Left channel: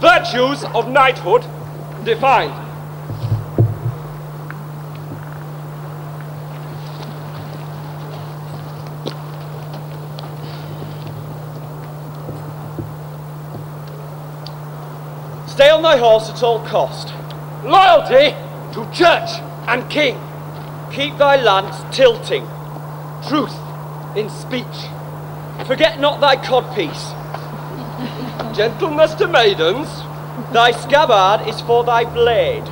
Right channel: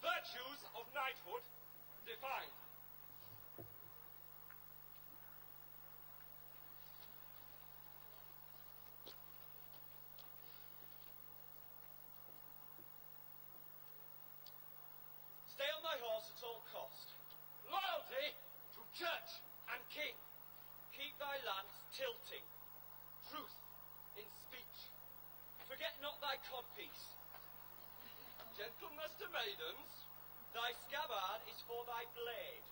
virtues of knighthood defined. Stay on thy horse at all cost. Loyalty to church and king. Keep thy lance tilting. Truth in speech. Forget not thy codpiece. Gentleness to maidens. Thy scabbard is for thy blade.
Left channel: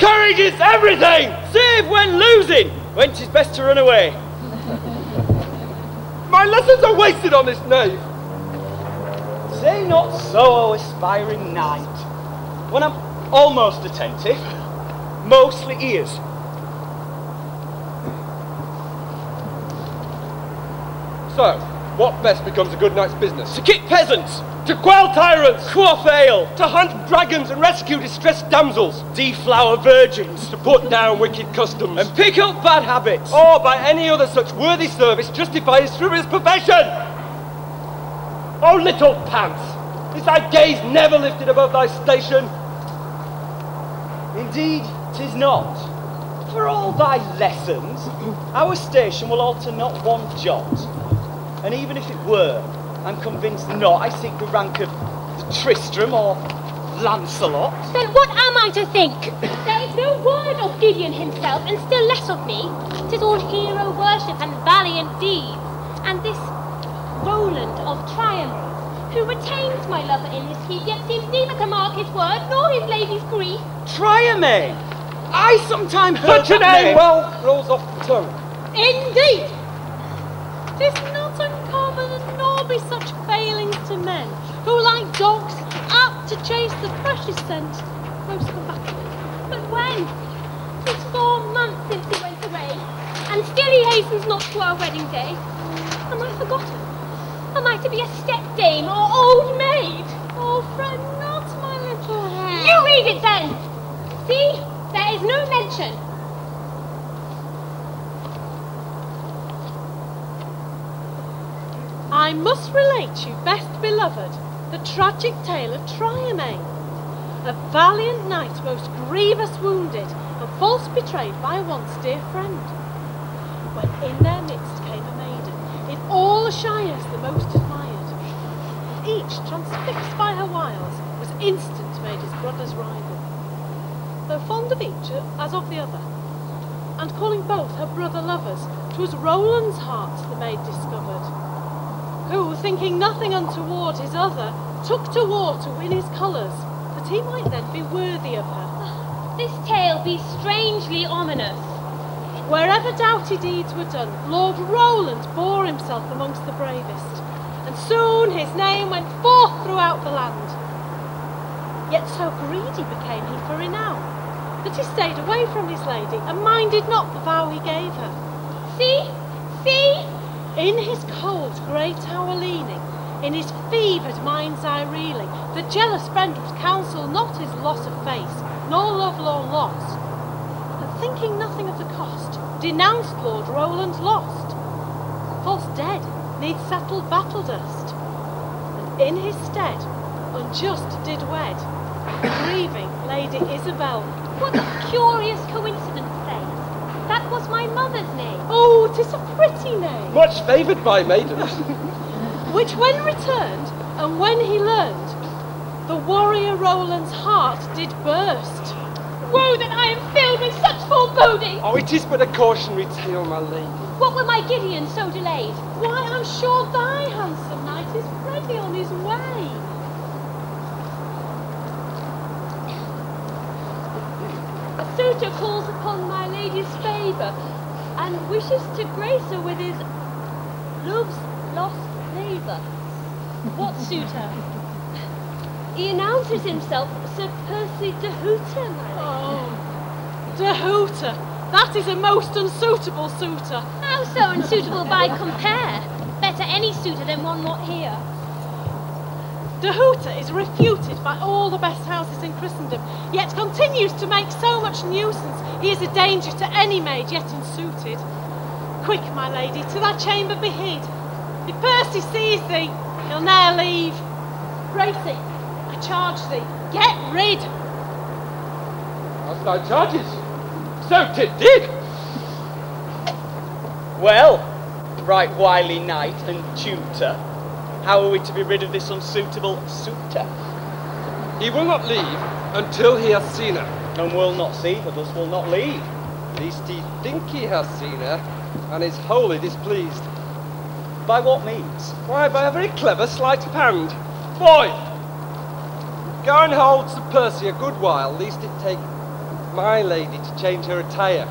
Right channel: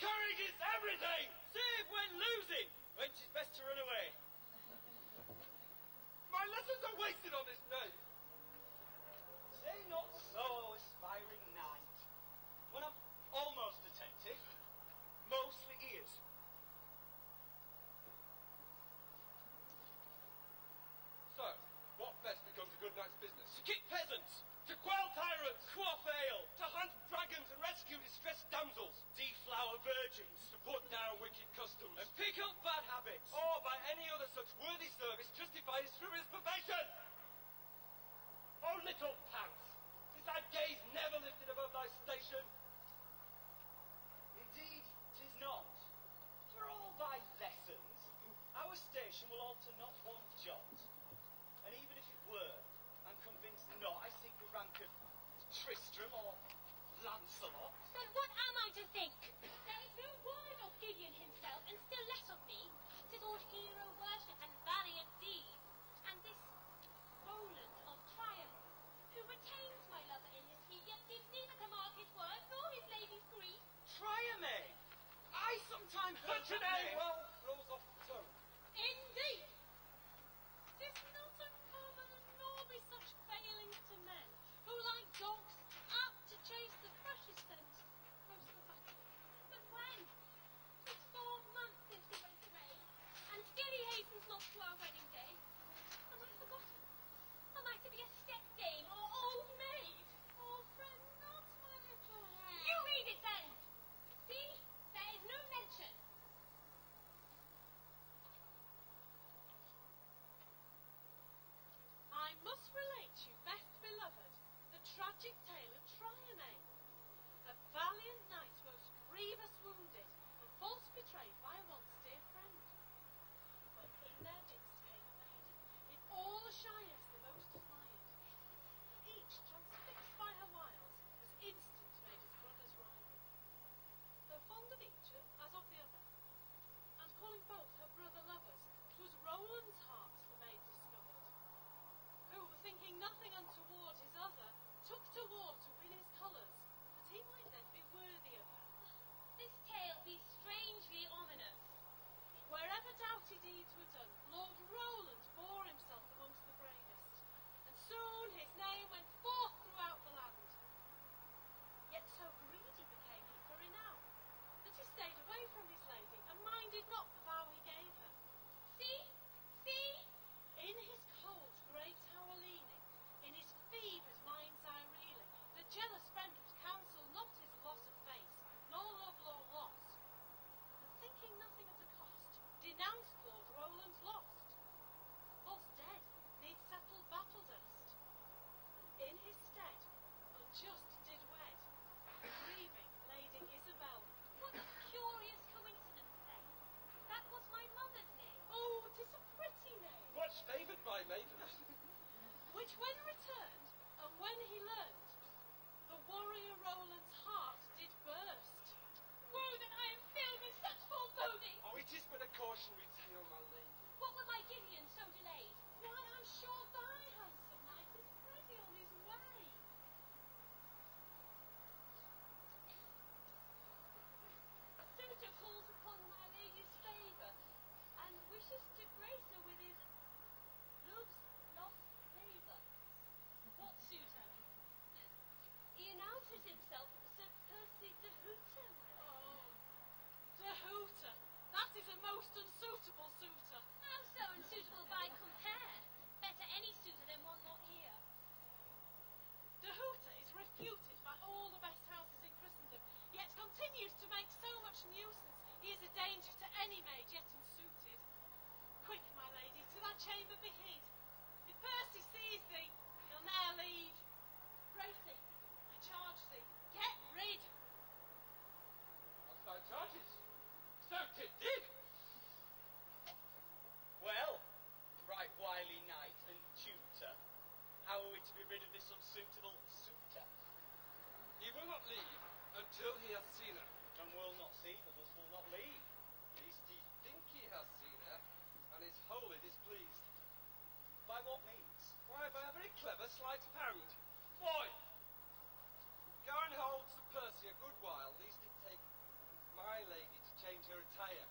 Courage is everything! Save when losing, when 'tis best to run away. My lessons are wasted on this knave. Say not so, O aspiring knight. When I'm almost attentive, mostly ears. So, what best becomes a good knight's business? To kick peasants! To quell tyrants! Quaff ale! To hunt dragons and rescue distressed damsels! Deflower virgins! To put down wicked customs! And pick up bad habits! Or by any other such worthy service justify his frivolous profession! Oh, little pants! Is thy gaze never lifted above thy station? Indeed, 'tis not. For all thy lessons, our station will alter not one jot. And even if it were, I'm convinced not I seek the rank of Tristram or Lancelot. Then what am I to think? There is no word of Gideon himself, and still less of me. 'Tis all hero worship and valiant deeds. And this Roland of Triumph, who retains my lover in his keep, yet seems neither to mark his word nor his lady's grief. Triumph! I sometime heard Such a that name well rolls off the tongue. Indeed! 'Tis not uncommon, nor be such failings to men, who like dogs, apt to chase the freshest scent, most combative. But when? 'Tis 4 months since he went away, and still he hastens not to our wedding day. Am I forgotten? Am I to be a stepdame or old maid? Oh, fret not, my little hare. You read it then! See, there is no mention. I must relate you, best beloved, the tragic tale of Triumph, a valiant knight most grievous wounded and false betrayed by a once dear friend. When in their midst came a maiden, in all the shires the most admired, and each, transfixed by her wiles, was instant made his brother's rival, though fond of each as of the other, and calling both her brother lovers, 'twas Roland's heart the maid discovered, who, thinking nothing untoward his other, took to war to win his colours, that he might then be worthy of her. This tale be strangely ominous. Wherever doughty deeds were done, Lord Roland bore himself amongst the bravest, and soon his name went forth throughout the land. Yet so greedy became he for renown, that he stayed away from his lady, and minded not the vow he gave her. See, see! In his cold grey tower leaning, in his fevered mind's eye reeling, the jealous friend would counsel not his loss of face, nor lovelorn loss, and thinking nothing of the cost, denounced Lord Roland lost. False dead, needs settled battle dust, and in his stead, unjust did wed, grieving Lady Isabel. What a curious coincidence, say. That was my mother's name. Oh, 'tis a pretty name. Much favoured by maidens. Which when returned, and when he learned, the warrior Roland's heart did burst. Woe that I am filled with such foreboding! Oh, it is but a cautionary tale, my lady. What were my Gideon so delayed? Why, I'm sure thy handsome knight is ready on his way. A suitor calls upon my lady's favour, and wishes to grace her with his love's lost favour. What suitor? He announces himself Sir Percy de Hooter, my lady. Oh, de Hooter, that is a most unsuitable suitor. How so unsuitable by compare? Better any suitor than one not here. De Hooter is refuted by all the best houses in Christendom, yet continues to make so much nuisance he is a danger to any maid yet unsuited. Quick, my lady, to thy chamber be hid. If Percy sees thee, he'll ne'er leave. Gracie, I charge thee, get rid! As thou charges, so 'tis did. Well, right wily knight and tutor, how are we to be rid of this unsuitable suitor? He will not leave until he has seen her. And will not see, but thus will not leave. Least he think he has seen her, and is wholly displeased. By what means? Why, by a very clever sleight of hand. Boy! Go and hold Sir Percy a good while, lest it take my lady to change her attire.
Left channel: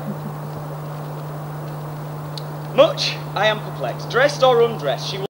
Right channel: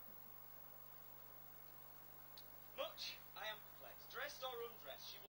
Much I am perplexed. Dressed or undressed, she will